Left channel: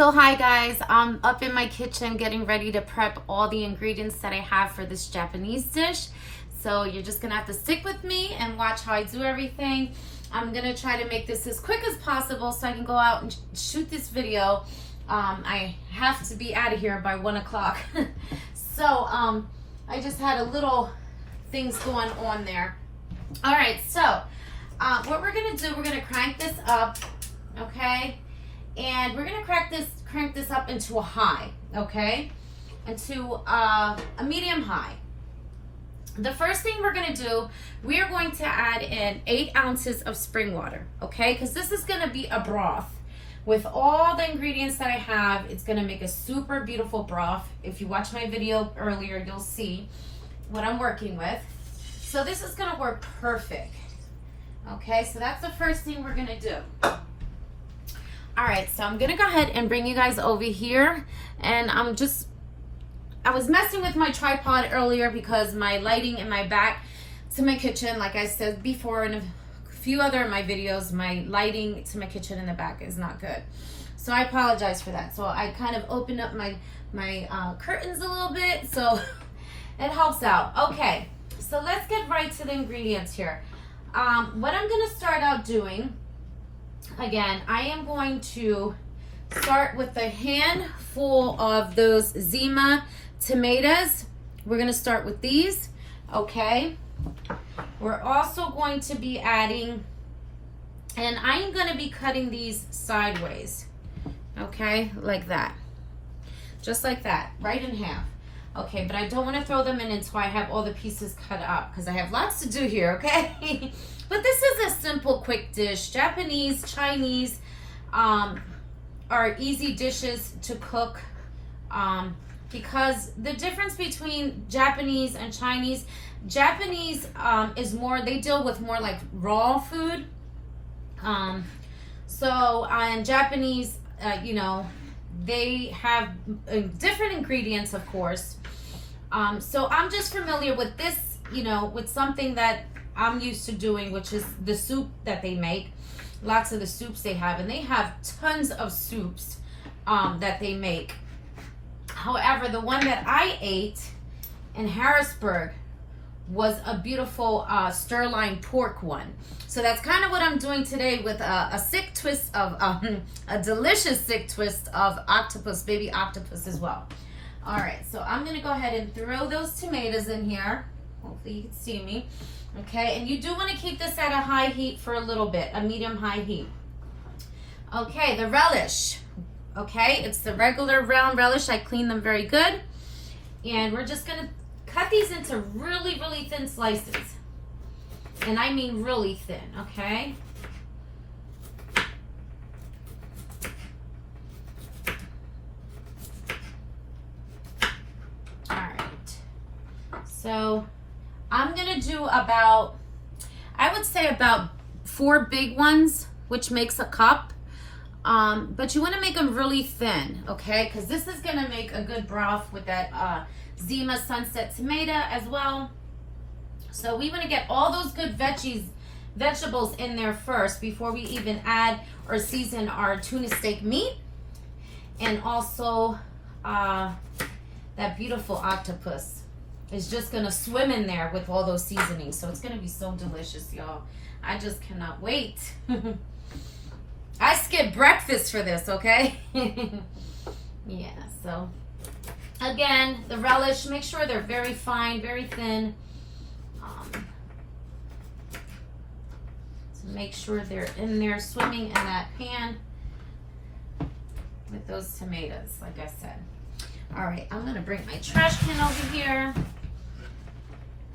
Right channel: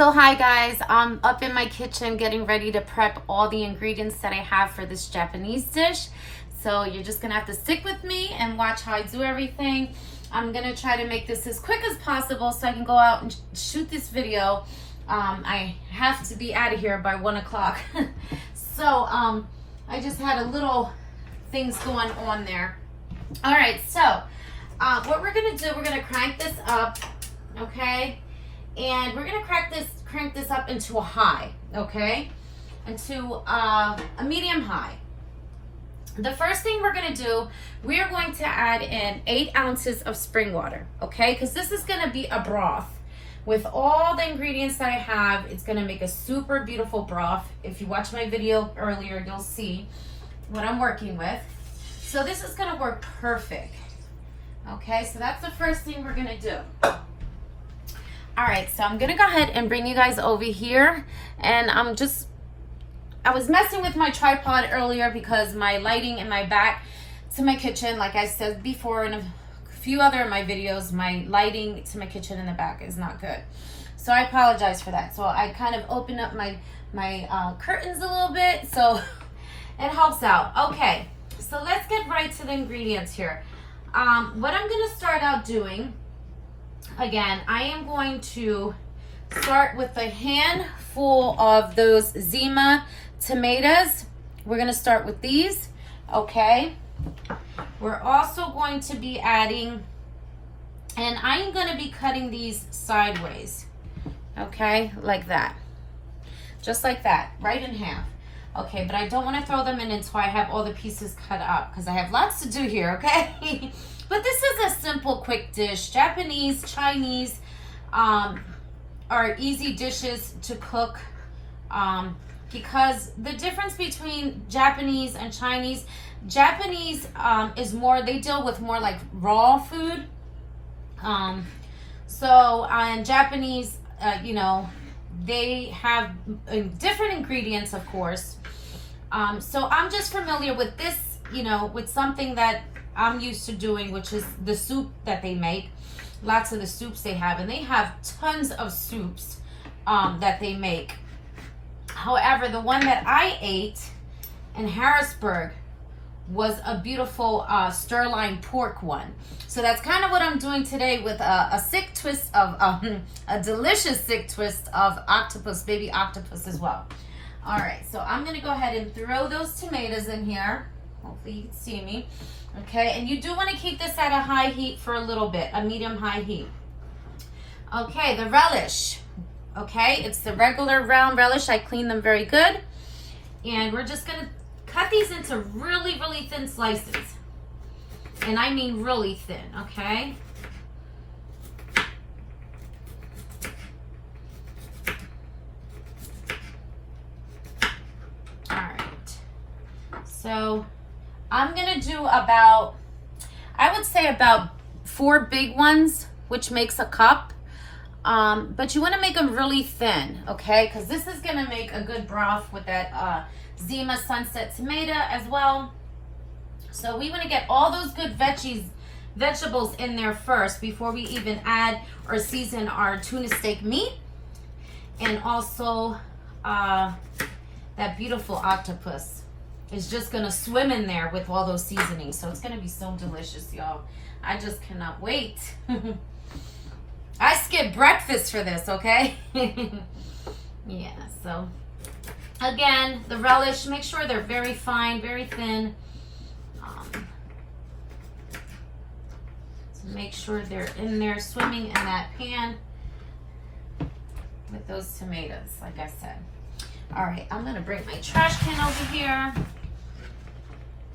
So hi guys, I'm up in my kitchen getting ready to prep all the ingredients that I have for this Japanese dish. So you're just gonna have to stick with me and watch how I do everything. I'm gonna try to make this as quick as possible so I can go out and shoot this video. I have to be out of here by 1 o'clock. So I just had a little things going on there. All right, so what we're gonna do, we're gonna crank this up, okay? And we're gonna crank this up into a high, okay? Into a medium high. The first thing we're gonna do, we're going to add in 8 ounces of spring water, okay? Because this is gonna be a broth. With all the ingredients that I have, it's gonna make a super beautiful broth. If you watch my video earlier, you'll see what I'm working with. So this is gonna work perfect. Okay, so that's the first thing we're gonna do. All right, so I'm gonna go ahead and bring you guys over here. And I was messing with my tripod earlier because my lighting in my back to my kitchen, like I said before in a few other of my videos, my lighting to my kitchen in the back is not good. So I apologize for that. So I kind of opened up my curtains a little bit, so it helps out. Okay, so let's get right to the ingredients here. What I'm gonna start out doing, again, I am going to start with a handful of those Zima tomatoes. We're gonna start with these, okay? We're also going to be adding, and I'm gonna be cutting these sideways, okay? Like that, just like that, right in half. Okay, but I don't want to throw them in until I have all the pieces cut up because I have lots to do here, okay? But this is a simple, quick dish. Japanese, Chinese are easy dishes to cook because the difference between Japanese and Chinese is more, they deal with more like raw food. So in Japanese, you know, they have different ingredients, of course. So I'm just familiar with this, you know, with something that I'm used to doing, which is the soup that they make. Lots of the soups they have, and they have tons of soups that they make. However, the one that I ate in Harrisburg was a beautiful sirloin pork one. So that's kind of what I'm doing today with a sick twist of a delicious sick twist of octopus, baby octopus as well. All right, so I'm gonna go ahead and throw those tomatoes in here. Hopefully you can see me. Okay, and you do want to keep this at a high heat for a little bit, a medium-high heat. Okay, the relish. Okay, it's the regular round relish. I cleaned them very good. And we're just gonna cut these into really, really thin slices. And I mean really thin, okay? All right. So I'm gonna do about, I would say about 4 big ones, which makes a cup. But you wanna make them really thin, okay? Because this is gonna make a good broth with that Zima Sunset tomato as well. So we want to get all those good vegetables in there first before we even add or season our tuna steak meat. And also that beautiful octopus is just going to swim in there with all those seasonings. So it's going to be so delicious, y'all. I just cannot wait. I skipped breakfast for this, okay? Yeah, so again, the relish, make sure they're very fine, very thin. So make sure they're in there swimming in that pan with those tomatoes, like I said. All right, I'm gonna bring my trash can over here.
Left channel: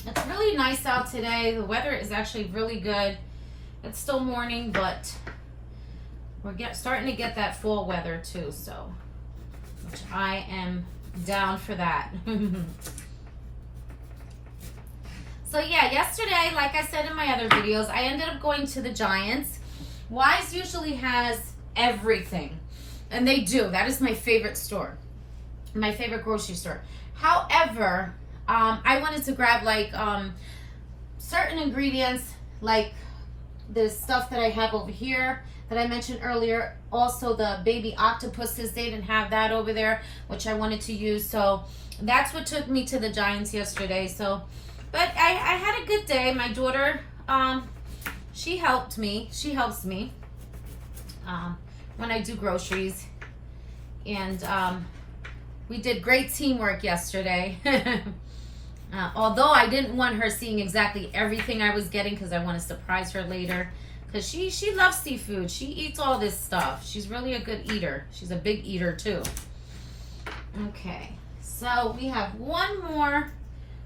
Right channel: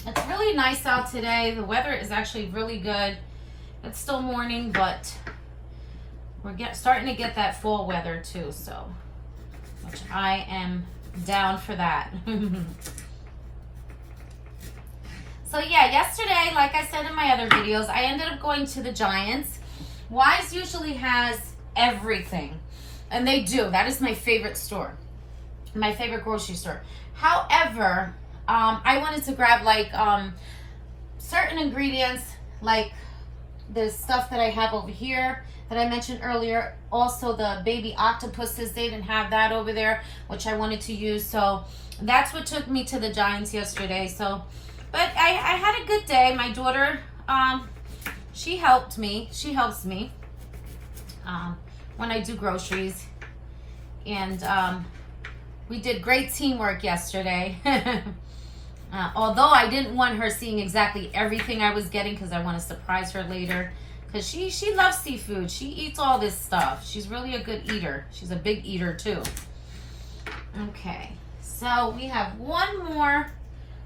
It's really nice out today. The weather is actually really good. It's still morning, but we're starting to get that fall weather too, so, which I am down for that. So yeah, yesterday, like I said in my other videos, I ended up going to the Giants. Wise usually has everything, and they do. That is my favorite store, my favorite grocery store. However, I wanted to grab like certain ingredients, like this stuff that I have over here. that I mentioned earlier. Also the baby octopuses, they didn't have that over there, which I wanted to use. So that's what took me to the Giants yesterday. So, but I had a good day. My daughter, she helped me. She helps me when I do groceries. And we did great teamwork yesterday. Although I didn't want her seeing exactly everything I was getting because I want to surprise her later. Because she loves seafood. She eats all this stuff. She's really a good eater. She's a big eater too. Okay, so we have one more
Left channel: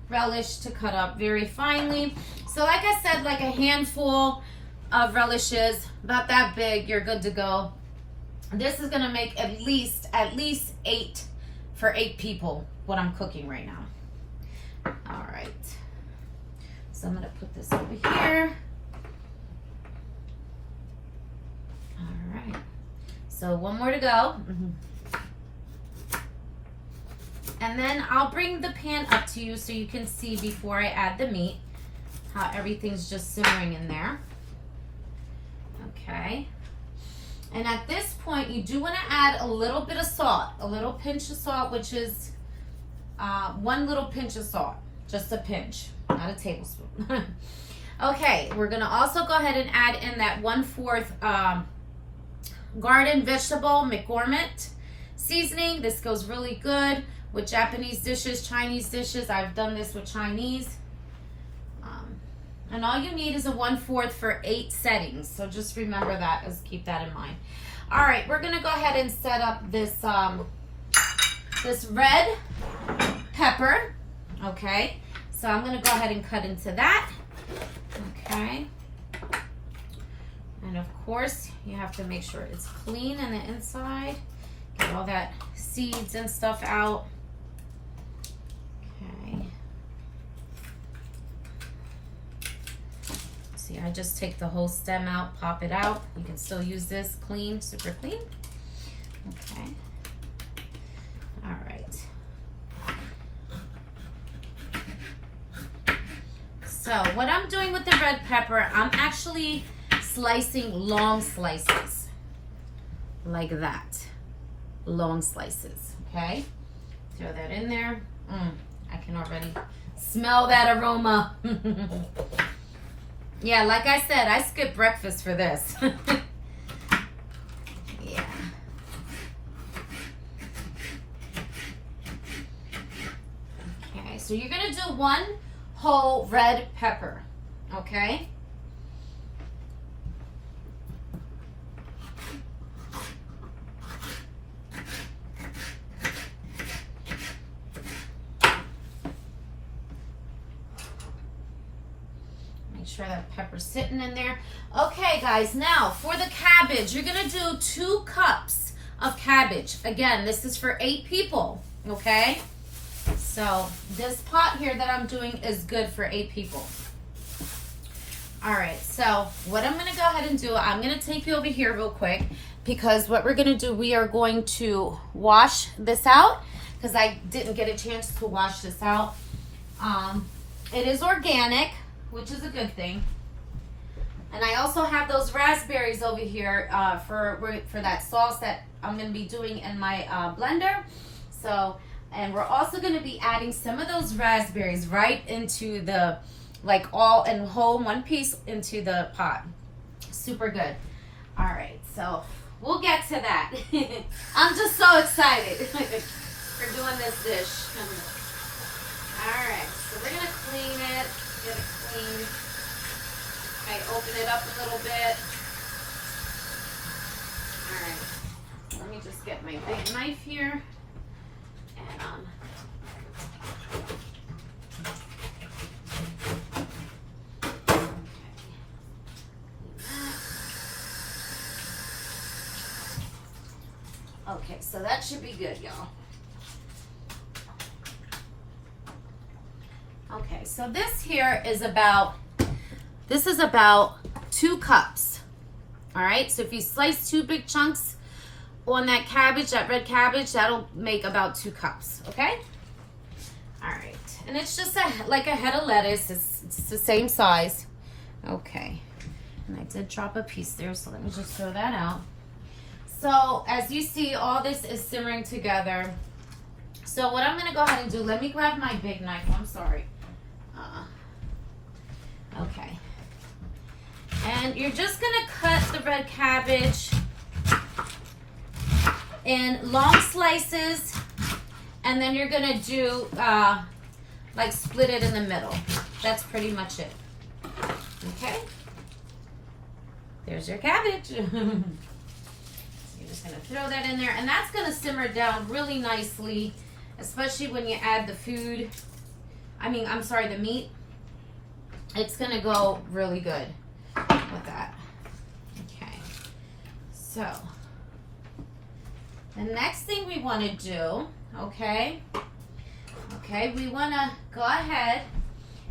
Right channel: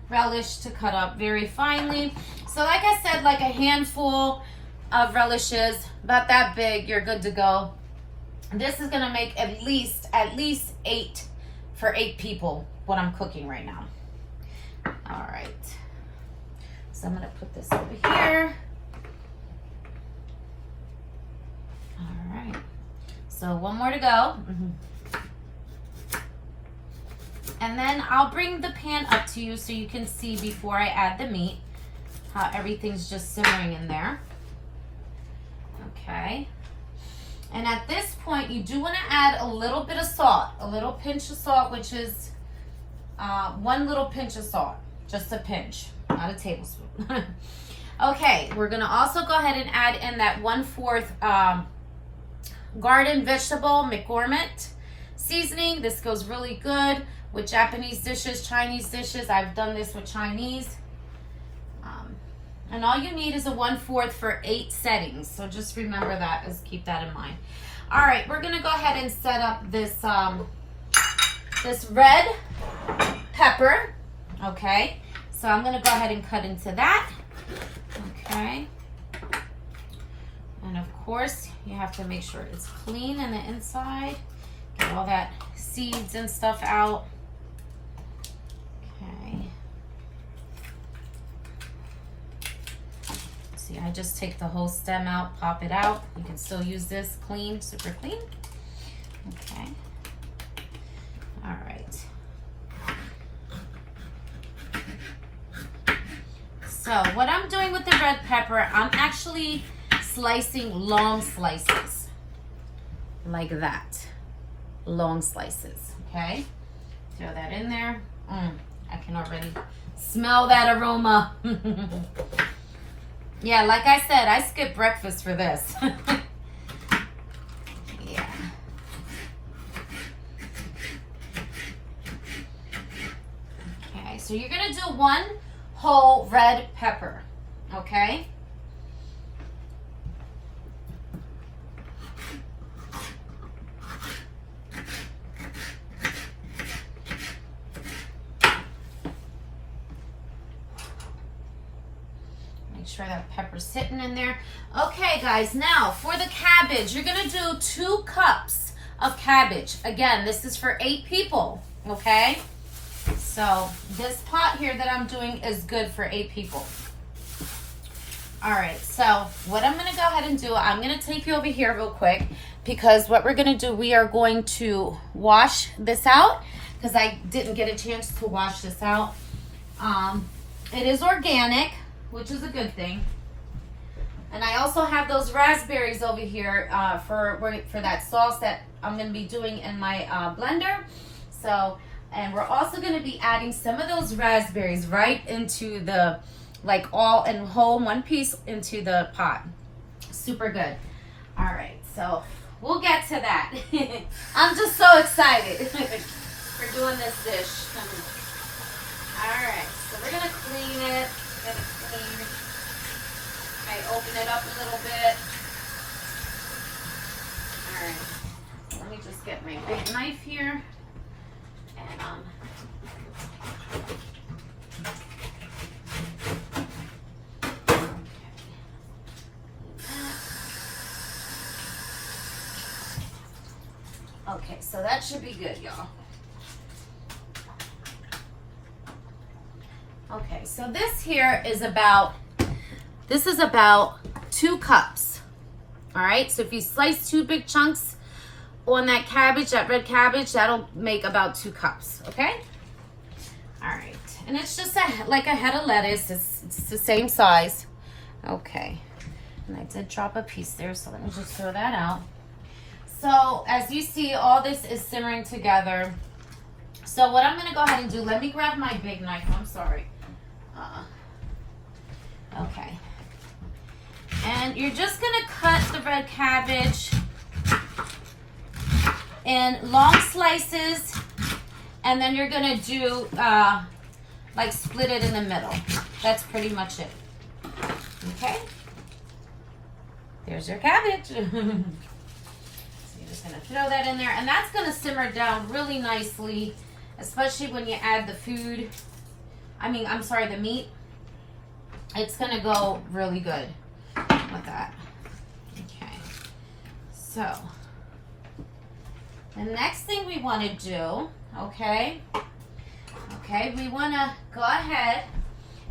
relish to cut up very finely. So like I said, like a handful of relishes, about that big, you're good to go. This is gonna make at least 8 for 8 people, what I'm cooking right now. All right, so I'm gonna put this over here. All right, so one more to go. And then I'll bring the pan up to you so you can see before I add the meat how everything's just simmering in there. Okay. And at this point, you do want to add a little bit of salt, a little pinch of salt, which is 1 little pinch of salt, just a pinch, not a tablespoon. Okay, we're going to also go ahead and add in that 1/4 garden vegetable McGormick seasoning. This goes really good with Japanese dishes, Chinese dishes. I've done this with Chinese. And all you need is a 1/4 for 8 settings. So just remember that, just keep that in mind. All right, we're gonna go ahead and set up this, this red pepper, okay? So I'm gonna go ahead and cut into that, okay? And of course, you have to make sure it's clean on the inside. Get all that seeds and stuff out. Okay. See, I just take the whole stem out, pop it out. You can still use this clean, super clean. Okay. All right. So what I'm doing with the red pepper, I'm actually slicing long slices like that. Long slices, okay? Throw that in there. I can already smell that aroma. Yeah, like I said, I skipped breakfast for this. Yeah. Okay, so you're gonna do 1 whole red pepper, okay? Sure that pepper's sitting in there. Okay, guys, now for the cabbage, you're gonna do 2 cups of cabbage. Again, this is for 8 people, okay? So this pot here that I'm doing is good for 8 people. All right, so what I'm gonna go ahead and do, I'm gonna take you over here real quick because what we're gonna do, we are going to wash this out because I didn't get a chance to wash this out. It is organic, which is a good thing. And I also have those raspberries over here for that sauce that I'm going to be doing in my blender. So, and we're also going to be adding some of those raspberries right into the, like all in whole, 1 piece into the pot. Super good. All right, so we'll get to that. I'm just so excited for doing this dish. All right, so we're going to clean it. Get it clean. I open it up a little bit. All right. Let me just get my big knife here. And okay, so that should be good, y'all. Okay, so this here is about 2 cups. All right, so if you slice 2 big chunks on that cabbage, that red cabbage, that'll make about 2 cups, okay? All right, and it's just like a head of lettuce. It's the same size. Okay, And I did drop a piece there, so let me just throw that out. So as you see, all this is simmering together. So what I'm going to go ahead and do, let me grab my big knife. I'm sorry. Okay. And you're just going to cut the red cabbage in long slices. And then you're going to do, like split it in the middle. That's pretty much it. Okay. There's your cabbage. So you're just going to throw that in there. And that's going to simmer down really nicely, especially when you add the food. The meat. It's going to go really good with that. Okay. So, the next thing we want to do, okay, we want to go ahead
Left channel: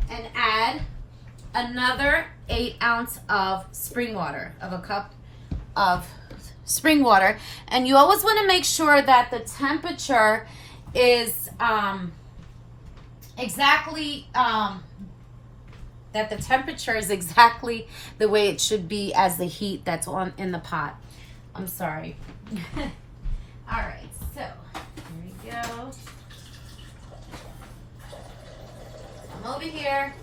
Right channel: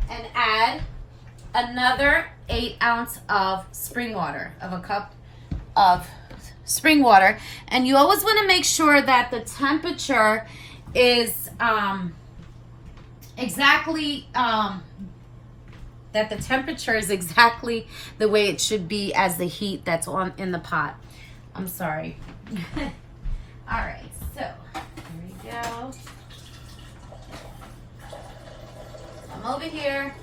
and add another 8 ounces of spring water, of a cup of spring water. And you always want to make sure that the temperature is exactly the way it should be as the heat that's on in the pot. I'm sorry. All right, so here we go. I'm over here.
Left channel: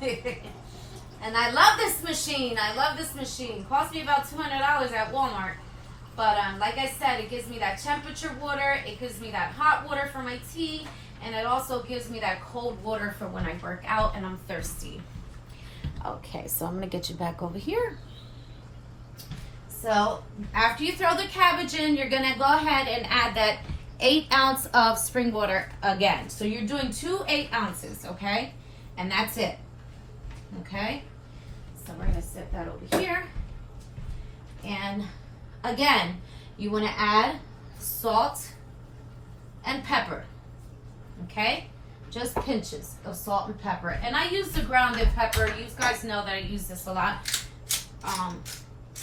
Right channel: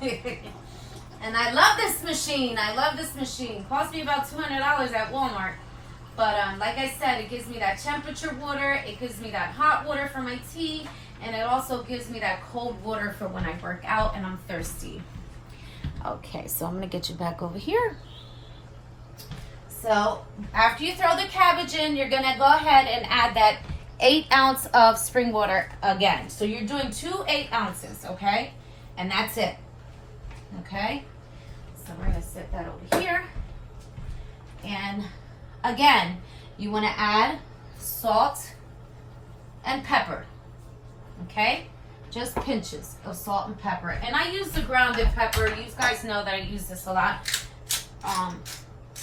And I love this machine. Cost me about $200 at Walmart. But like I said, it gives me that temperature water. It gives me that hot water for my tea. And it also gives me that cold water for when I work out and I'm thirsty. Okay, so I'm going to get you back over here. So after you throw the cabbage in, you're going to go ahead and add that 8 ounces of spring water again. So you're doing 2 8 ounces, okay? And that's it. Okay? So we're going to set that over here. And again, you want to add salt and pepper. Okay? Just pinches of salt and pepper. And I use the grounded pepper. You guys know that I use this a lot.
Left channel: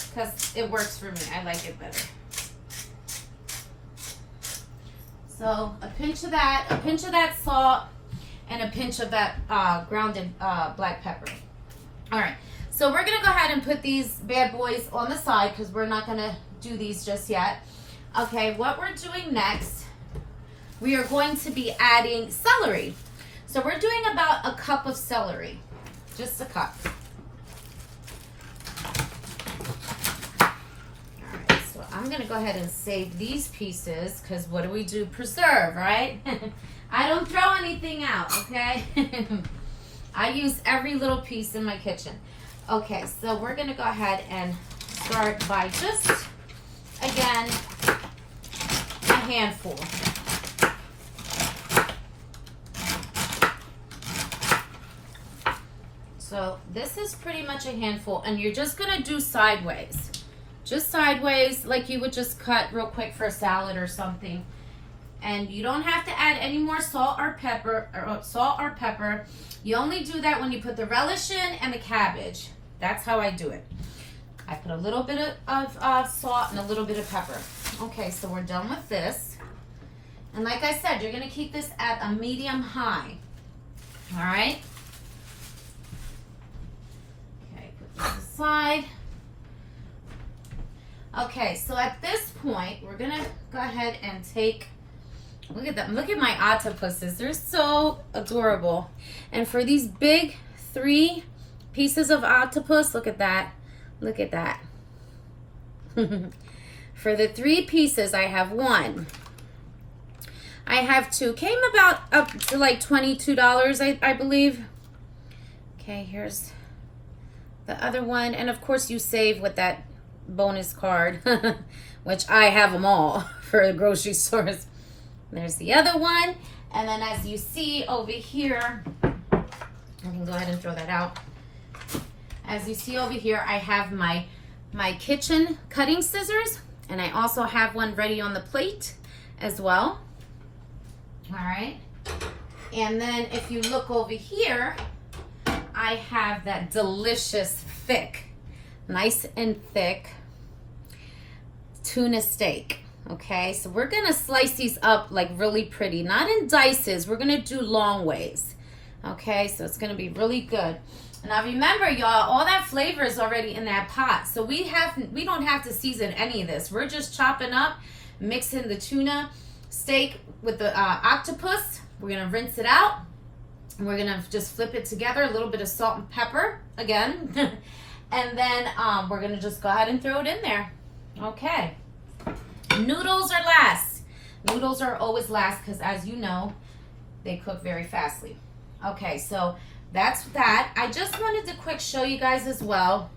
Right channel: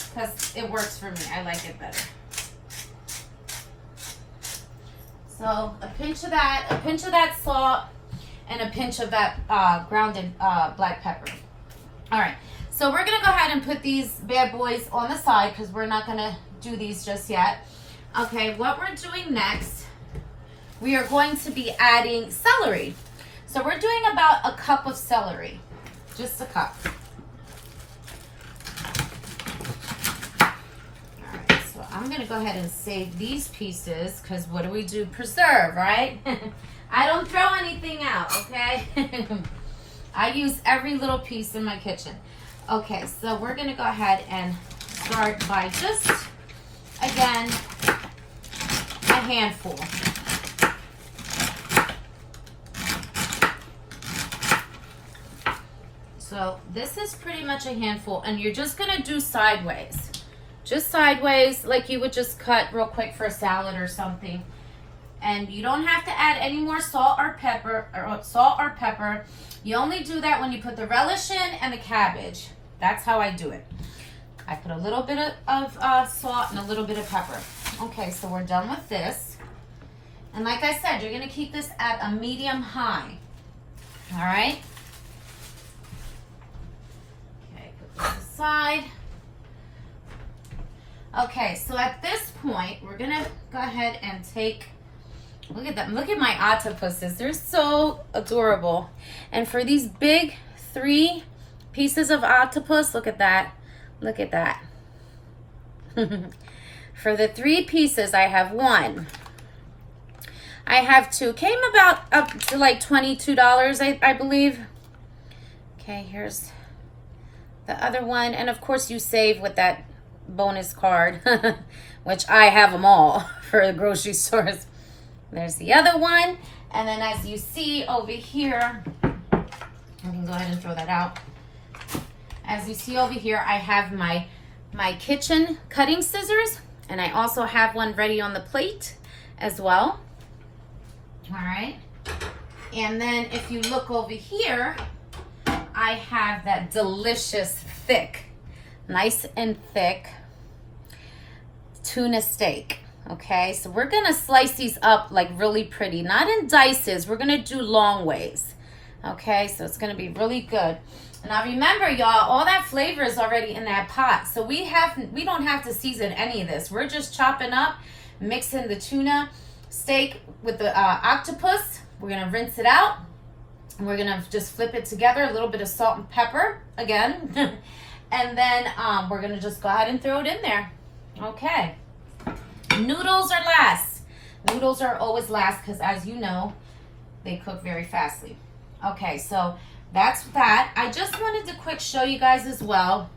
Because it works for me. I like it better. So a pinch of that salt, and a pinch of that grounded black pepper. All right. So we're going to go ahead and put these bad boys on the side because we're not going to do these just yet. Okay, what we're doing next, we are going to be adding celery. So we're doing about a cup of celery. Just a cup. Alright, so I'm going to go ahead and save these pieces because what do? Preserve, right? I don't throw anything out, okay? I use every little piece in my kitchen. Okay, so we're going to go ahead and start by just, again, a handful. So this is pretty much a handful, and you're just going to do sideways. Just sideways, like you would just cut real quick for a salad or something. And you don't have to add any more salt or pepper. You only do that when you put the relish in and the cabbage. That's how I do it. I put a little bit of salt and a little bit of pepper. Okay, so we're done with this. And like I said, you're going to keep this at a medium high. All right? Okay, put this aside. Okay, so at this point, we're going to go ahead and take... Look at them. Look at my octopuses. They're so adorable. And for these big 3 pieces of octopus, look at that. Look at that. For the 3 pieces, I have 1. I have 2. Came about up to like $22, I believe. Okay, here's the other one. And of course, you save with that bonus card, which I have them all for the grocery stores. There's the other one. And then as you see over here, I can go ahead and throw that out. As you see over here, I have my kitchen cutting scissors, and I also have one ready on the plate as well. All right. And then if you look over here, I have that delicious thick, nice and thick tuna steak. Okay, so we're going to slice these up like really pretty, not in dices. We're going to do long ways. Okay, so it's gonna be really good. Now remember, y'all, all that flavor is already in that pot. So we don't have to season any of this. We're just chopping up, mixing the tuna steak with the octopus. We're gonna rinse it out. And we're gonna just flip it together, a little bit of salt and pepper again. And then we're gonna just go ahead and throw it in there. Okay. Noodles are last. Noodles are always last because, as you know, they cook very fastly. Okay, so that's that. I just wanted to quick show you guys as well.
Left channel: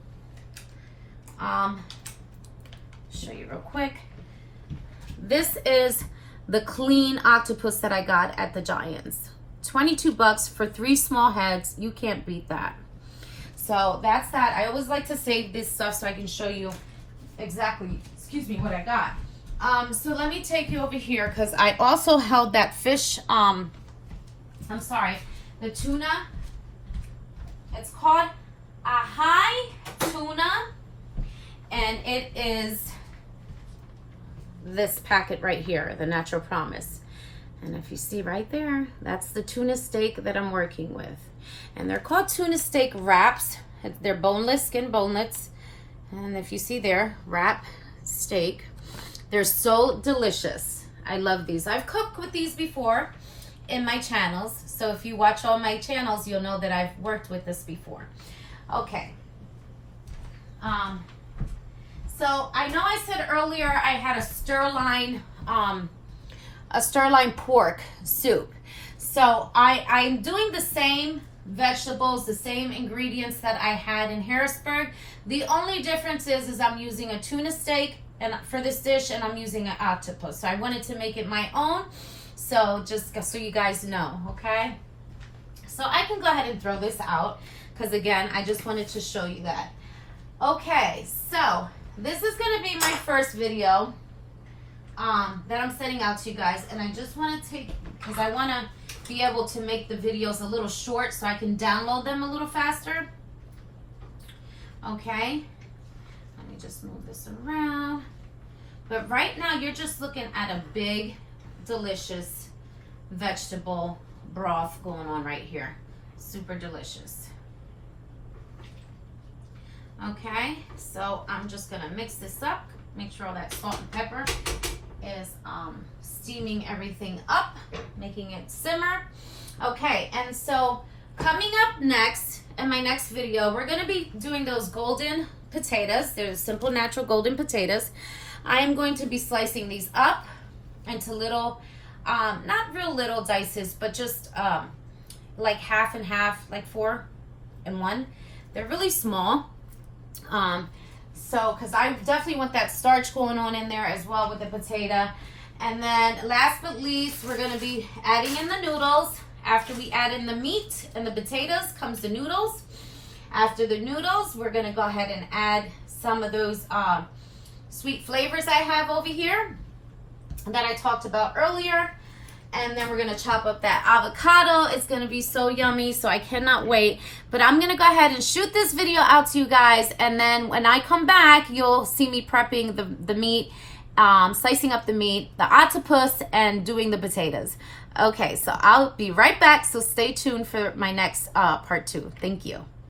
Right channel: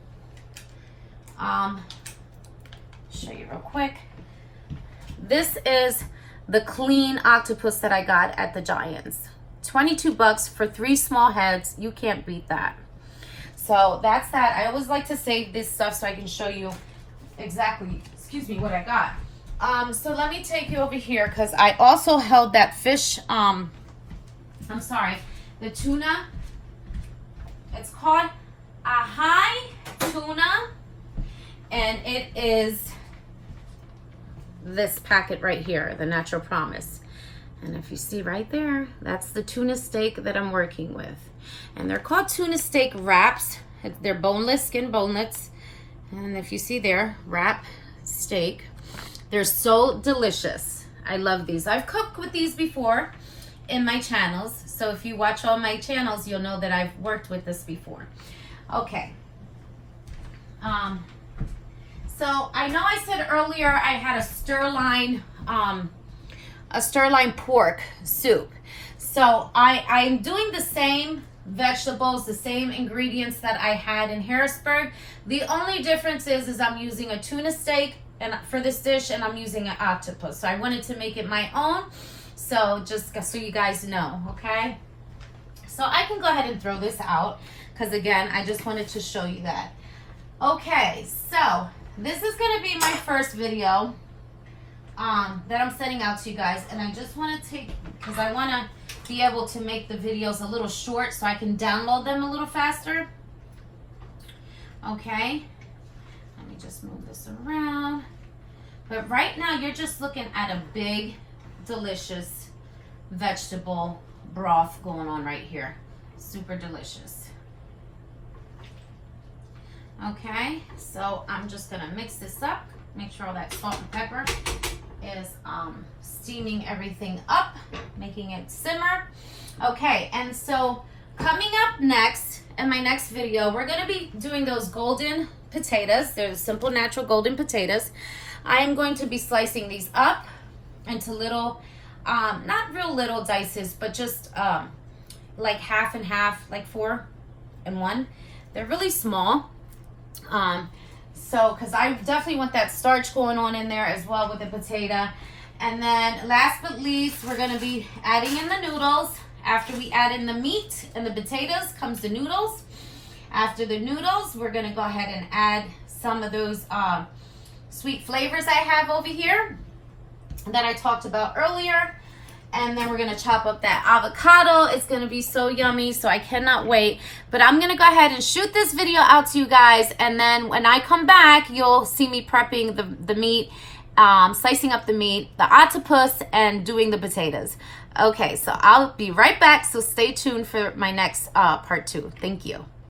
Show you real quick. This is the clean octopus that I got at the Giants. 22 bucks for 3 small heads. You can't beat that. So that's that. I always like to save this stuff so I can show you exactly, excuse me, what I got. So let me take you over here because I also held that fish, I'm sorry, the tuna. It's called Ahai Tuna, and it is this packet right here, the Natural Promise. And if you see right there, that's the tuna steak that I'm working with. And they're called tuna steak wraps. They're boneless, skin boneless. And if you see there, wrap steak. They're so delicious. I love these. I've cooked with these before in my channels. So if you watch all my channels, you'll know that I've worked with this before. Okay. So I know I said earlier I had a sirloin pork soup. So I'm doing the same vegetables, the same ingredients that I had in Harrisburg. The only difference is I'm using a tuna steak and for this dish, and I'm using an octopus. So I wanted to make it my own. So just so you guys know, okay? So I can go ahead and throw this out because again, I just wanted to show you that. Okay, so this is gonna be my first video that I'm sending out to you guys, and I just want to take, because I want to be able to make the videos a little short so I can download them a little faster. Okay, let me just move this around. But right now you're just looking at a big, delicious vegetable broth going on right here. Super delicious. Okay, so I'm just gonna mix this up, make sure all that salt and pepper is steaming everything up, making it simmer. Okay, and so coming up next in my next video, we're gonna be doing those golden potatoes. They're simple, natural golden potatoes. I am going to be slicing these up into little, not real little dices, but just like half and half, like 4 and 1. They're really small. So, because I definitely want that starch going on in there as well with the potato. And then last but least, we're going to be adding in the noodles. After we add in the meat and the potatoes comes the noodles. After the noodles, we're going to go ahead and add some of those sweet flavors I have over here that I talked about earlier. And then we're going to chop up that avocado. It's going to be so yummy, so I cannot wait. But I'm going to go ahead and shoot this video out to you guys. And then when I come back, you'll see me prepping the meat, slicing up the meat, the octopus, and doing the potatoes. Okay, so I'll be right back. So stay tuned for my next part 2. Thank you.